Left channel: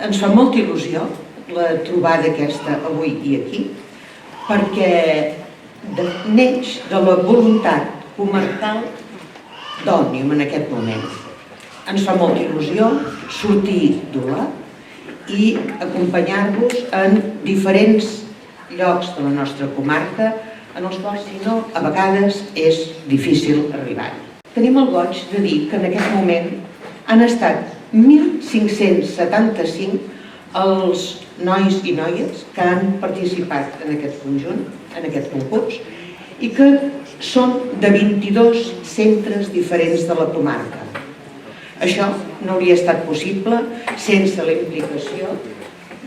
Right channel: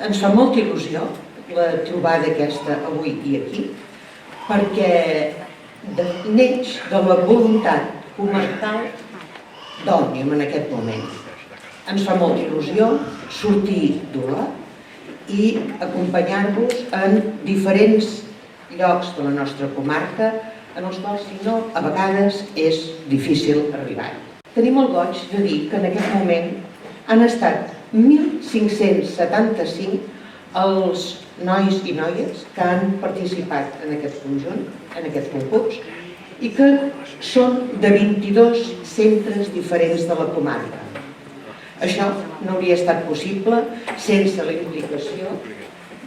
ens fa molta il·lusió la trobada aquesta avui i aquí, perquè neix de la voluntat comarcal d'Òmnium en aquest moment. Ens fa molta il·lusió sortir d'Olot i acompanyar-vos en diferents llocs de la nostra comarca en els quals, si no, a vegades és difícil arribar. Tenim el goig de dir que en aquest moment han estat 1.575 els nois i noies que han participat en aquest conjunt, en aquest concurs, i que són de 22 centres diferents de la comarca. Això no hauria estat possible sense la implicació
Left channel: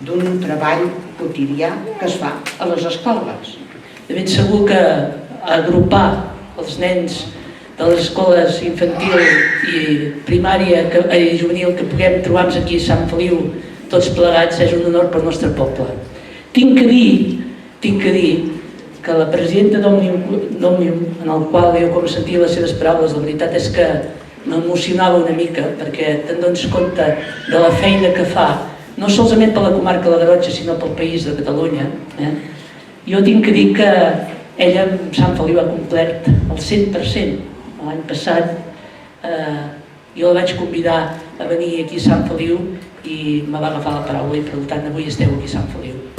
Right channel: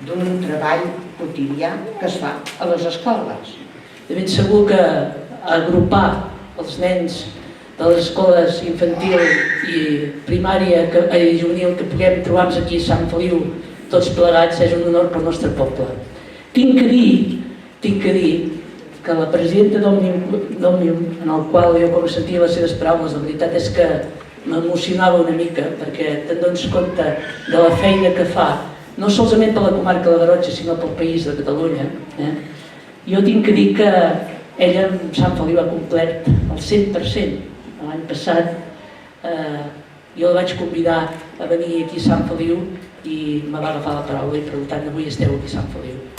d'un treball quotidià que es fa a les escoles. De ben segur que agrupar els nens de les escoles infantil i primària i juvenil que puguem trobar-nos aquí a Sant Feliu tots plegats és un honor pel nostre poble. Tinc que dir que la presidenta d'Òmnium, en el qual jo com sentia les seves paraules, la veritat és que m'emocionava una mica perquè te'n dones compte de la feina que fa, no solament per la comarca de la Garrotxa, sinó pel país de Catalunya. Jo tinc que dir que ella amb Sant Feliu ha complert el 100%. L'any passat jo la vaig convidar a venir aquí a Sant Feliu i me va agafar la paraula i per tant avui esteu aquí a Sant Feliu.